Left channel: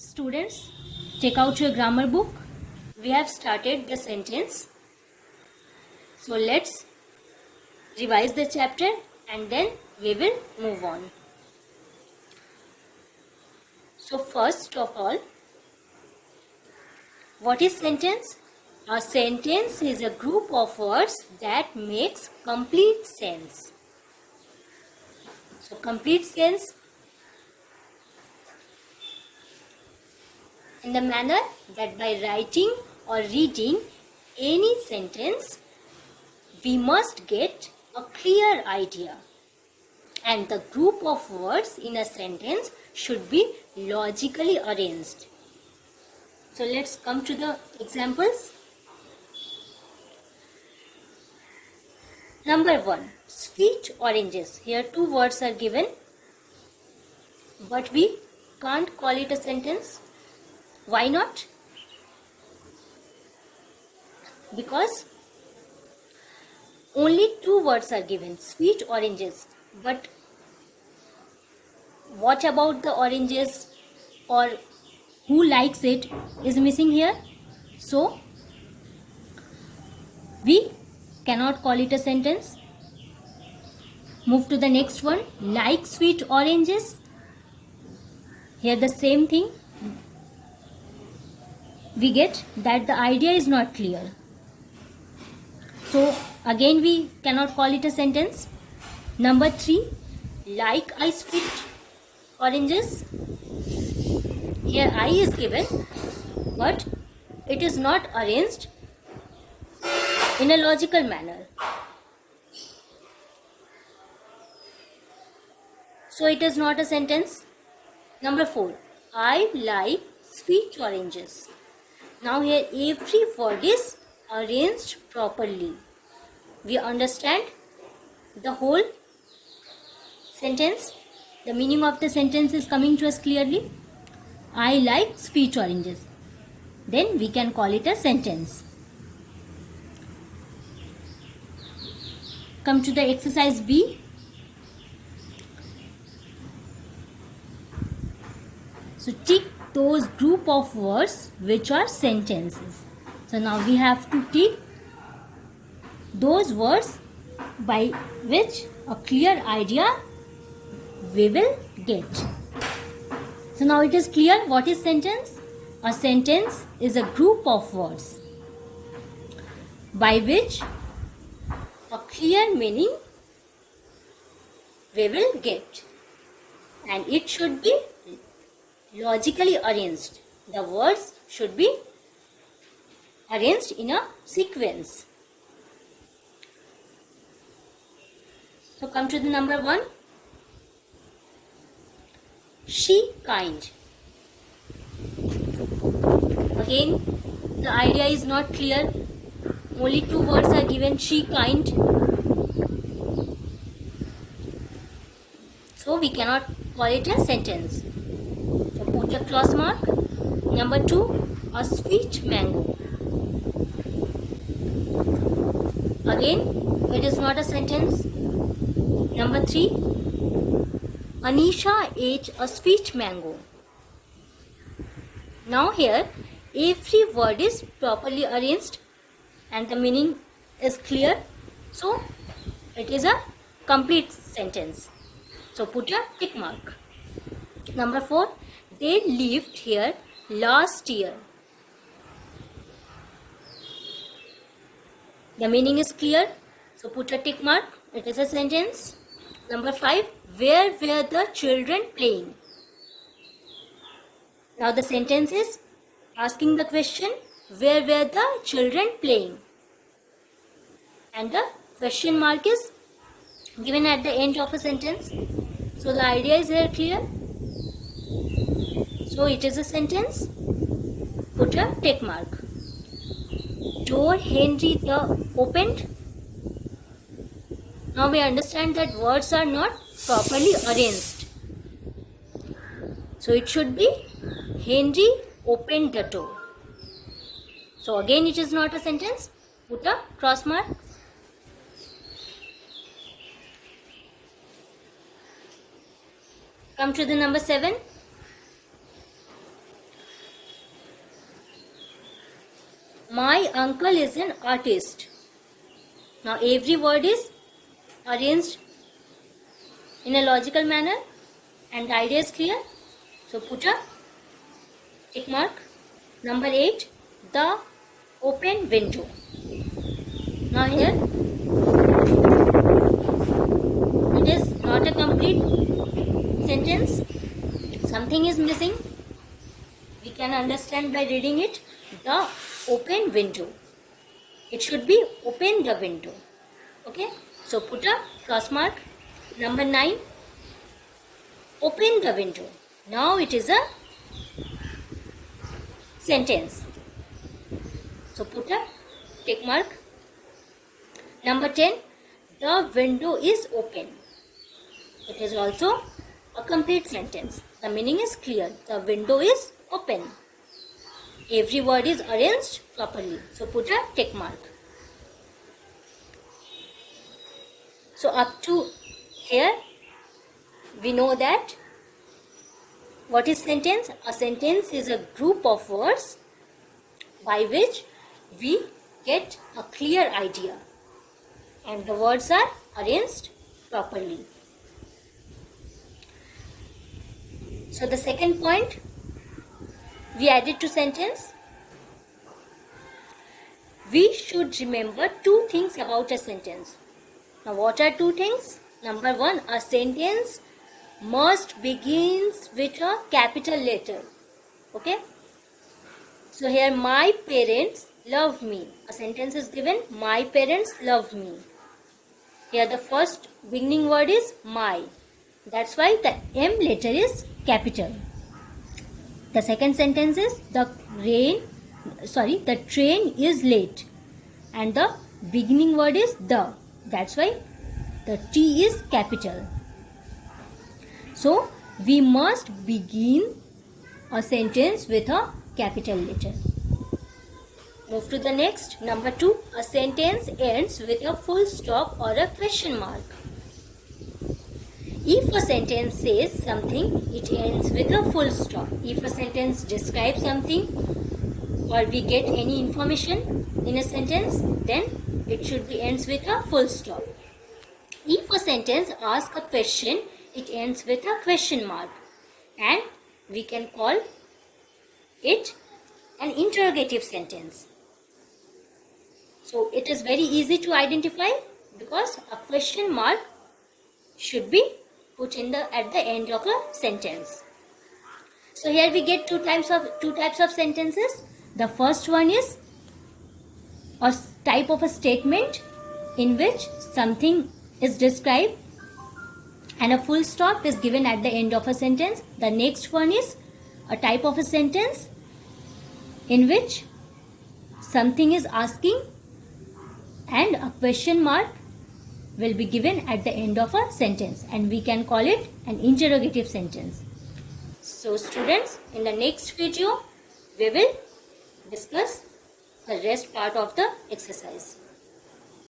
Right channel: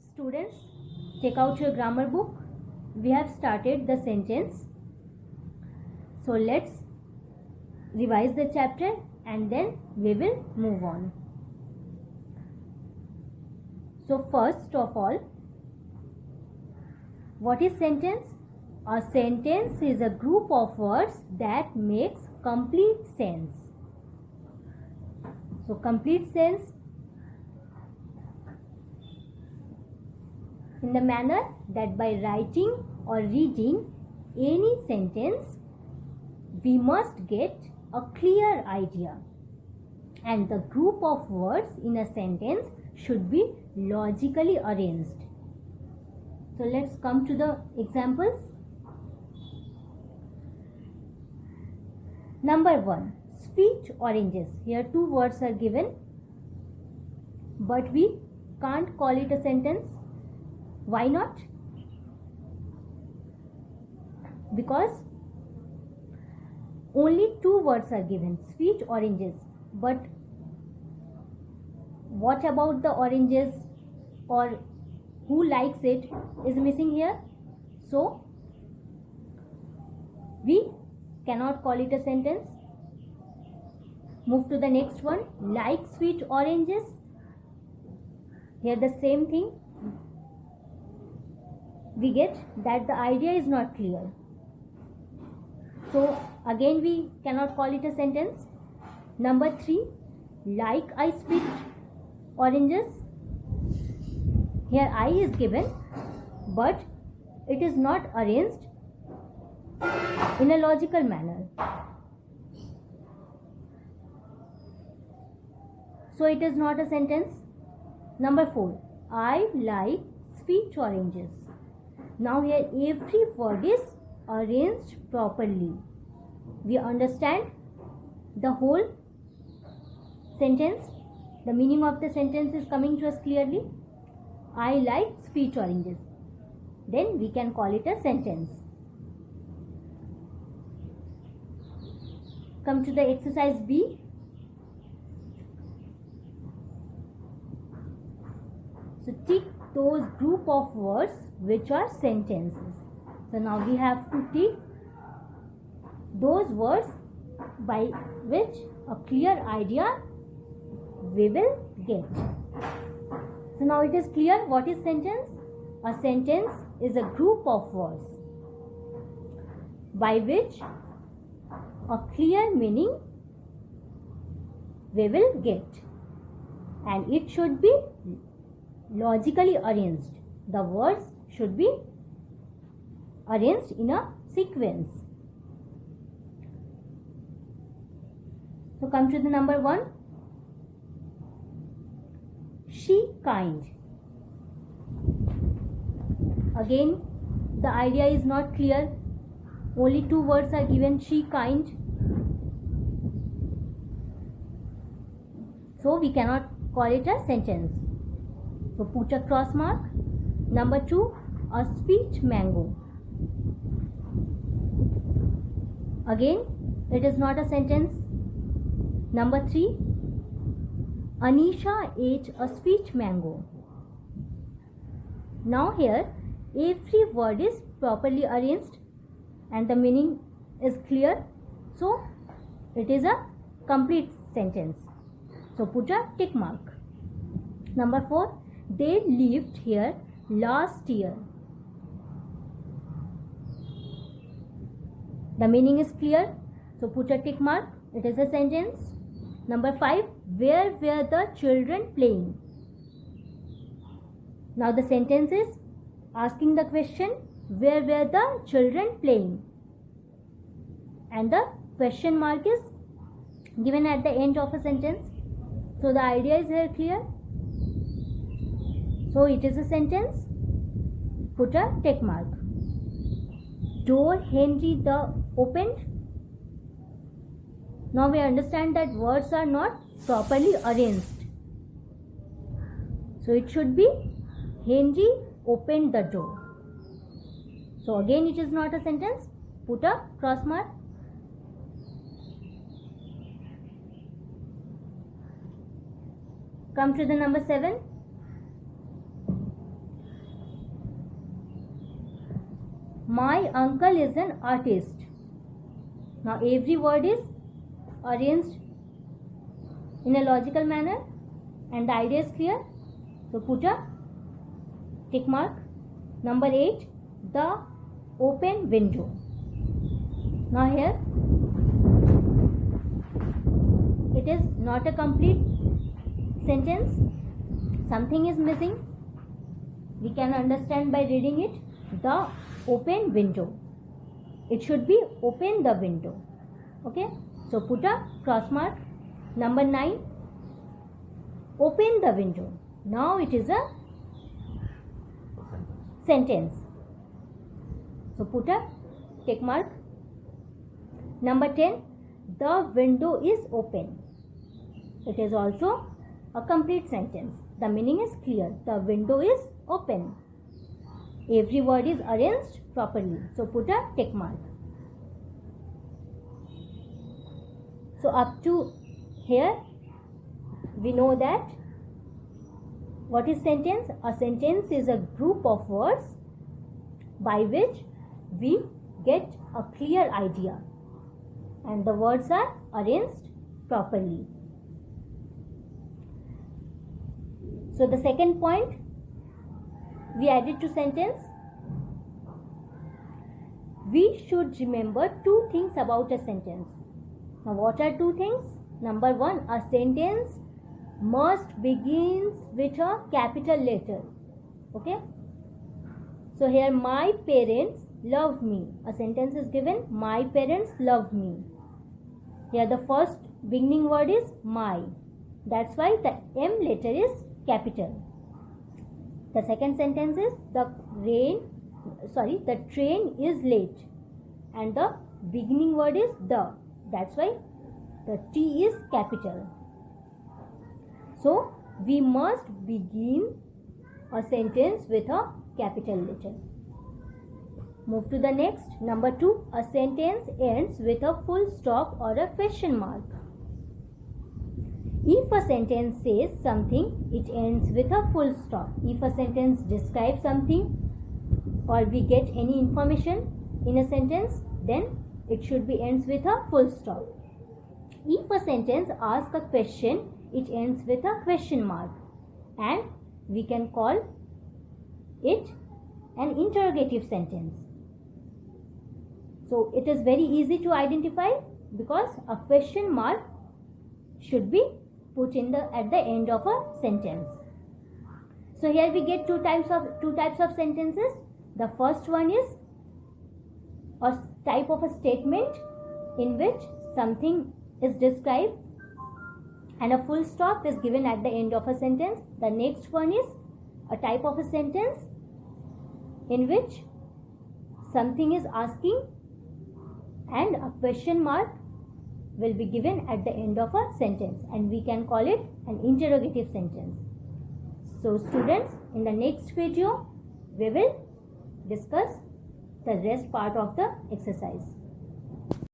Students, take out your grammar book. We have started the sentence. So let's revise the chapter and then we will move on. So first of all, what is sentence? A sentence is a group of words that makes complete sense. So complete sense in the manner that by writing or reading any sentence, we must get a clear idea. And the group of words in a sentence should be logically arranged. So let's come to the examples. Number 1, sweet oranges. Here two words are given, but we can't call it a sentence. Why not? Because only two words are given, sweet oranges. But what about the oranges or who likes it is missing here. So we cannot call it a sentence. Move to the next one, like sweet oranges. Here the same thing. We get that the idea is not clear. So again we cannot call it a sentence. Number 3, like I sweet oranges. Here I is given, but it is not arranged in a logical manner. So it is not a sentence. Number 4, I like sweet oranges. Now here every word is arranged properly. We understand the whole sentence. The meaning of the sentence is coming to us clearly. I like sweet oranges. Then we can call it a sentence. Come to the exercise B. So tick those group of words which are sentences. So now we have to tick those words by which a clear idea we will get. So now it is clear what is sentence. A sentence is a group of words by which a clear meaning we will get, and it should be logically arranged. The words should be arranged in a sequence. So come to the number 1. She kind. Again the idea is not clear. Only two words are given, she kind. So we cannot call it a sentence. So put a cross mark. Number 2, a sweet mango. Again it is not a sentence. Number 3, Anisha ate a sweet mango. Now here every word is properly arranged and the meaning is clear. So it is a complete sentence. So put a tick mark. Number 4, they lived here last year. The meaning is clear. So put a tick mark. It is a sentence. Number 5, where were the children playing? Now the sentence is asking the question, where were the children playing? And the question mark is given at the end of a sentence. So the idea is very clear. So it is a sentence. Put a tick mark. Door Henry the opened. Now we understand that words are not properly arranged. So it should be Henry opened the door. So again it is not a sentence. Put a cross mark. Come to the number 7. My uncle is an artist. Now every word is arranged in a logical manner and the idea is clear. So put a tick mark. Number 8, the open window. Now here it is not a complete sentence. Something is missing. We can understand by reading it. The open window. It should be open the window. Okay. So put a cross mark. Number 9. Open the window. Now it is a sentence. So put a tick mark. Number 10. The window is open. It is also a complete sentence. The meaning is clear. The window is open. Every word is arranged properly. So put a tick mark. So up to here, we know that what is sentence? A sentence is a group of words by which we get a clear idea. And the words are arranged properly. So the second point we added to sentence. We should remember 2 things about a sentence. Now what are 2 things? Number 1, a sentence must begins with a capital letter. Okay. So here my parents love me. A sentence is given, my parents love me. Here the first beginning word is my. That's why the M letter is capital. The second sentence is the train is late. And the beginning word is the. That's why the T is capital. So we must begin a sentence with a capital letter. Move to the next. Number 2. A sentence ends with a full stop or a question mark. If a sentence says something, it ends with a full stop. If a sentence describes something or we get any information in a sentence, then it should be ends with a full stop. If a sentence asks a question, it ends with a question mark. And we can call it an interrogative sentence. So it is very easy to identify because a question mark should be put in at the end of a sentence. So here we get two types of sentences. The first one is a type of a statement in which something is described and a full stop is given at the end of a sentence. The next one is a type of a sentence in which something is asking and a question mark will be given at the end of a sentence, and we can call it an interrogative sentence. So students, in the next video we will discuss the rest part of the exercise.